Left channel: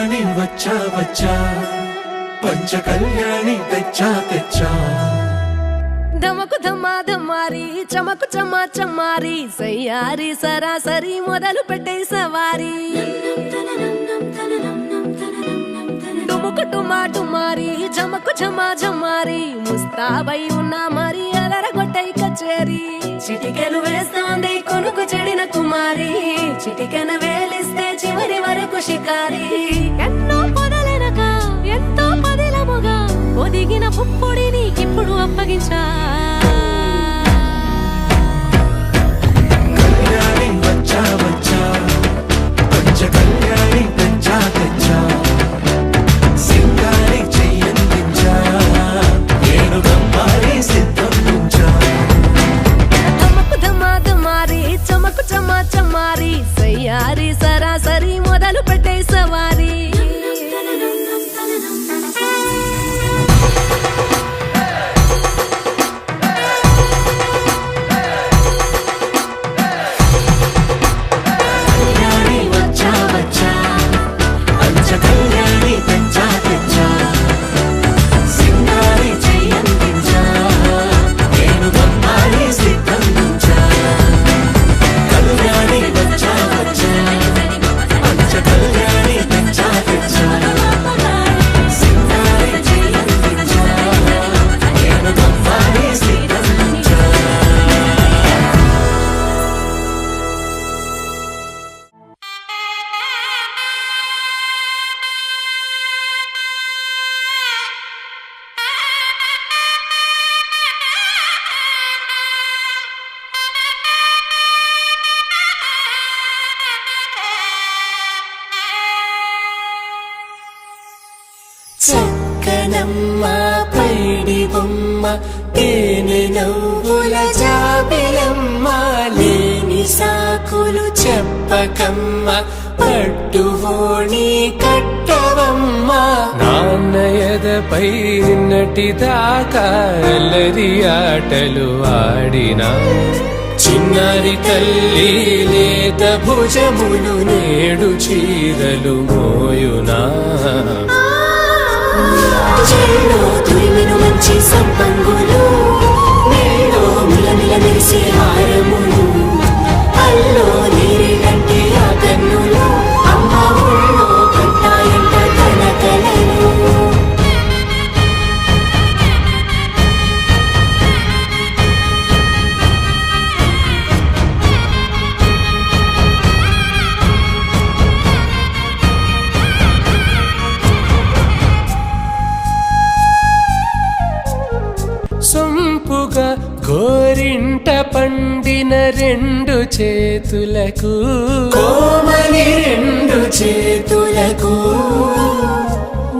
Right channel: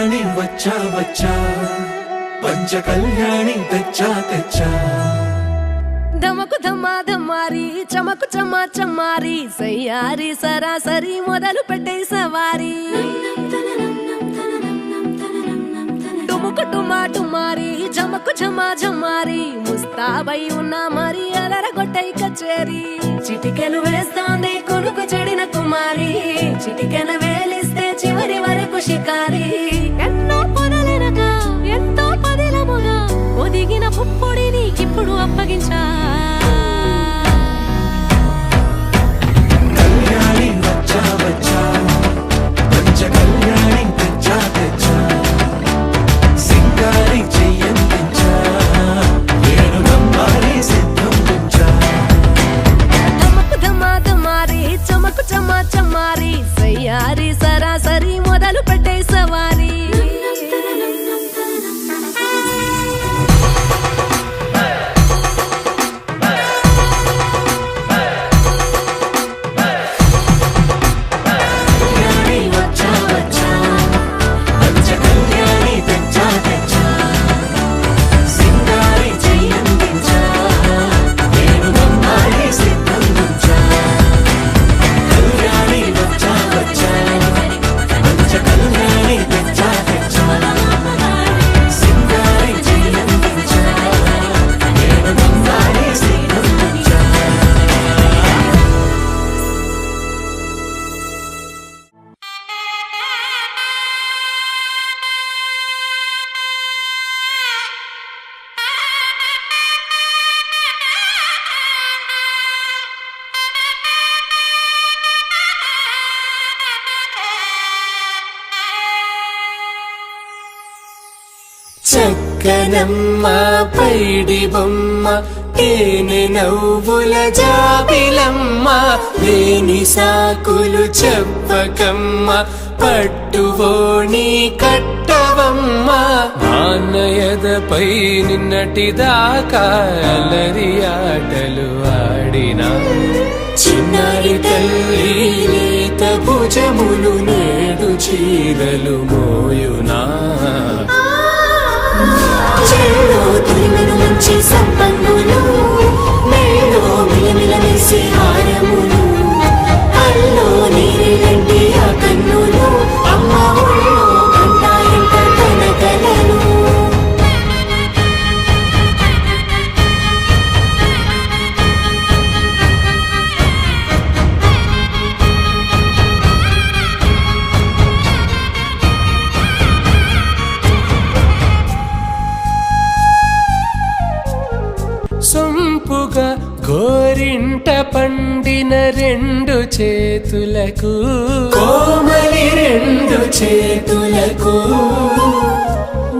కళ్యాణి వచ్చా వచ్చా పంచ కళ్యాణి తెచ్చా తెచ్చా ధమకు ధమా ధమారి చమకు చమా చమారి సయ్యారి సరాసరి మొదలు పెట్టే సవారి డుముకు టుమా టుమారి జమకు ఝమా ఝమారి ముస్తాబై ఉన్నా మరి అదరగొట్టై కచేరి చిటికెను వేస్తోంది కొనుకు చెడిన కుమారి చిటికెను వేలిస్తే చివరి వరకు షికారి ఎన్నో పొదలెనక ఎంతో పదిలముగా ఒదిగిన పుప్పొడి నీకిప్పుడు అప్పగించా కళ్యాణి వచ్చా వచ్చా పంచ కళ్యాణి తెచ్చా తెచ్చా సింగారి చెయ్యందించా నేను గమ్మారి సిద్ధం ఉంచా ధమకు ధమా ధమారి చమకు చమా చమారి సయ్యారి సరాసరి మొదలు పెట్టే సవారి చక్కనమ్మ పైడి బొమ్మ తేనె నవ్వుల జాబిలమ్మ లేని సాకులు చెప్పకమ్మ పట్టువోణి కట్టవమ్మ నాన్నయదపై నిన్నటిదాకా అల్లరి ఆటలు ఆడినా చిన్నారి తల్లి లేత భుజములు నేడు చీరలు మోయునా చెల్లో తురిమిను మంచి సంపంగులు మేలో మిలమిల మెరిసే హారములు అల్లో నీరెళ్ళంటే ఆ కన్నులు అమ్మ ఒళ్ళో కంటాయంట తన కలలు సొంపుగా గోరింట పండిన రెండు చేతులకు కోమలి రెండు చేతులకు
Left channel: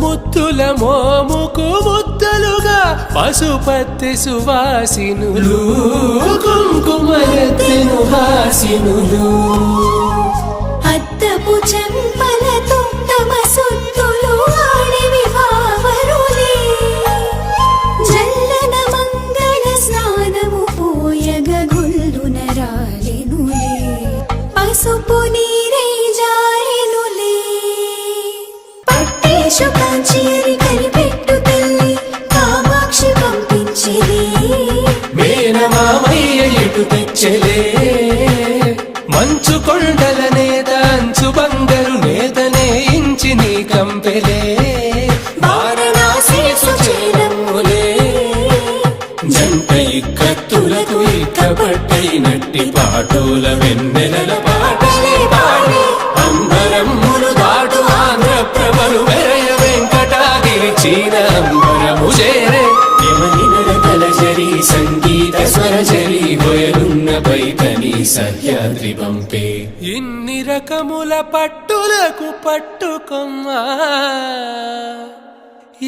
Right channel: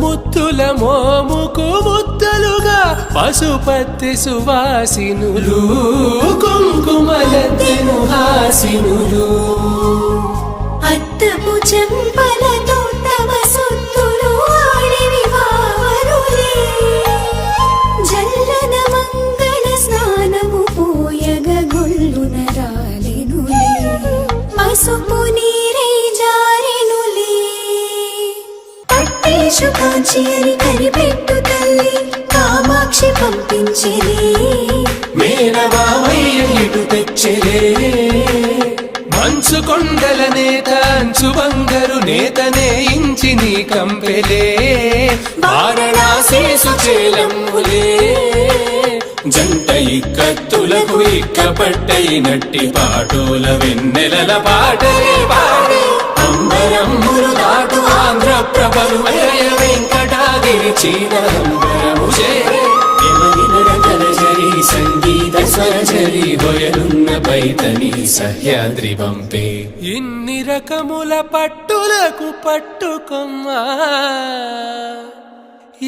ముత్తుల మోముకు ముద్దలుగా పశుపత్తి సువాసినులు కుంకుమలెత్తిను హాసినులు అద్దపు చెంపలతో తమ సొత్తులు ఆడివి బావరులే జల్లన మంగళ స్నానము పోయగ గుళ్ళున రాలెనులే పసుపు నీరై జారెనులే పట్టేశు కాంచియని కనిపెట్టు తల్లి కామాక్షి పంపించెది మేనమామయ్య ఎటు తెచ్చెలే మంచు కొండల నేత అంచు బంగారు నేతనే ఇంచి నీ కంపెలే వారణాసి సుచేలమ్ములే జంట ఇక్కత్తులకు ఇక్కపట్టై నట్టి పాటోల వెన్నెలల పాటలే పాడే అంబరమ్ములు దాటు ఆంధ్ర ప్రభలు వెంకటాగిరి చీర అంబరము చేరే యమని నడకల జరి సంగీత స్వరజరి హొయలున్న పైతని సహ్యాద్రి పంపే ఇన్ని రకముల పట్టులకు పట్టుకొమ్మా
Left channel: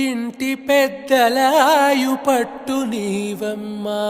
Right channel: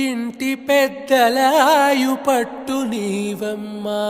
ఇంటి పెద్దలాయు పట్టు నీవమ్మా